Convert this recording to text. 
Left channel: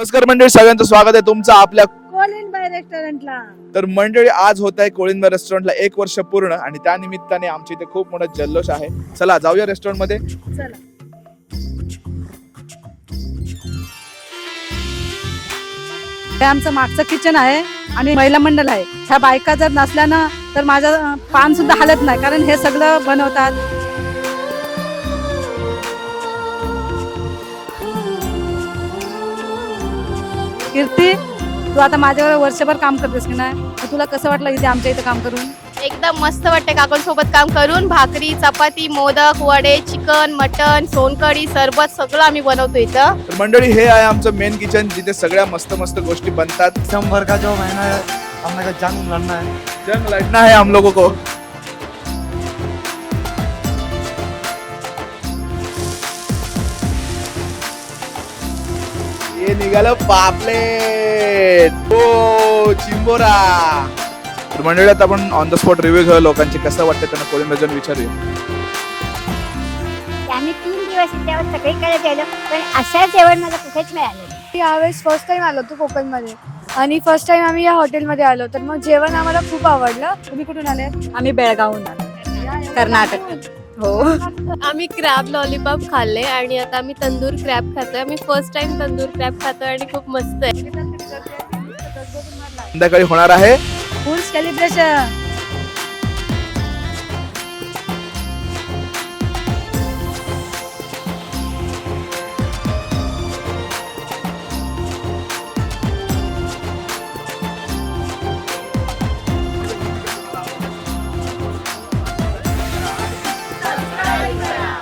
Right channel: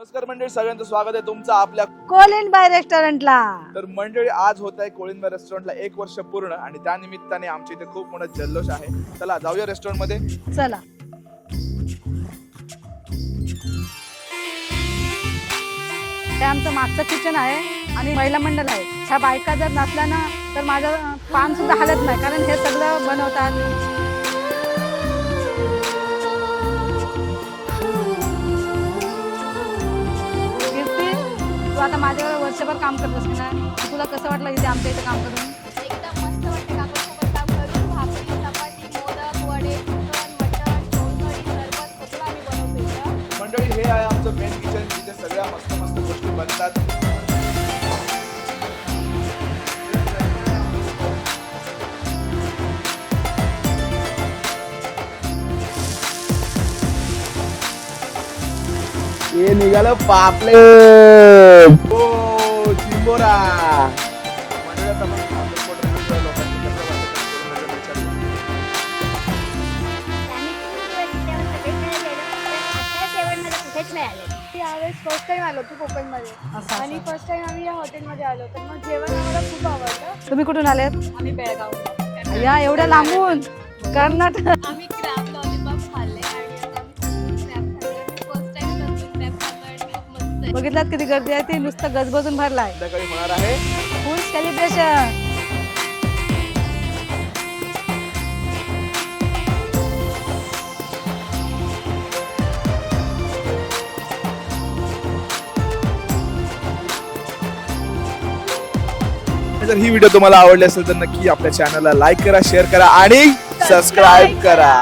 नमस्कार मंडळी, सगळ्यांचं स्वागत आहे तुमचं आपल्या कोलिनबाई रेस्टॉरंटला. तर मंडळी, आज होत आहे कोळिंबा रेस्टॉरंटला 1 वर्ष पूर्ण आणि त्या निमित्ताने आमच्या इथे खूप मोठा जल्लोष आहे. चला जाऊया रेस्टॉरंट मध्ये. चला. हे आमचं मागचं किचन आहे आणि महिला मंडळ आहे. ह्या बायका जर नसल्या ना तर माझं पान सुद्धा हालत नाही, कारण हे सगळं बनवतात. कीर्ती, तू आता माझ्यावर वर्षभर काम करतेस की नाही? तुला कसं वाटलं इथे आमच्या इथे काम करून? एकदम मस्त वाटते काकांसोबत काम करून. भाकरी, चपाती, मोदक, वडे, चिकन, मटन, सोनकढी, सरबत सगळं आम्ही बनवतो इथं. तर मंडळी, हे आहे आमचं मेन किचन, जिथे सगळ्या मस्त मस्त गोष्टी बनतात. दिसंबर का जो महीना है, हम लोग का जंग लड़ना है. जंग लढना है हम लोगों को. हे निघालं पापलेट. ओ चिंबोरा. तर मंडळी, आता आपण ऑन द स्पॉट रिव्ह्यू घेऊ लोकांची, कसं वाटतं त्यांना कोळिंबा जाऊन विचारूया. आम्ही 3 दिवस त्यावर सगळीकडे गेलो, पण असं जेवण मला कुठेच नाही आलं. यावेळेस फर्स्ट टाइम आलो तू कोकणमध्ये आणि फर्स्ट टाइम आम्ही या हॉटेलमध्ये आलो, तर मग जेवण आम्हाला खूप आवडलं. तुम्ही कुठून आलेत? आम्ही बेळगावहून. या एवढं कर्नाटक. लांबून? हो. कर्नाटक. आम्ही क्रॅब लॉलीपॉप खाल्ले आणि आता आम्ही तंदूर क्रॅब खातोय. आम्ही फर्स्ट टाइम तंदूर क्रॅब खातोय आणि खूप मस्त आहे. बघितलात किती गर्दी आहे? ती नुसतं गजबजून भरलाय. संध्याकाळी होणार आहे फुल सेलिब्रेशन. जर ही व्हिडिओ तुम्हाला आवडली असेल तर नक्की आपल्या चॅनलला लाईक करा, शेअर करा आणि सबस्क्राईब करा.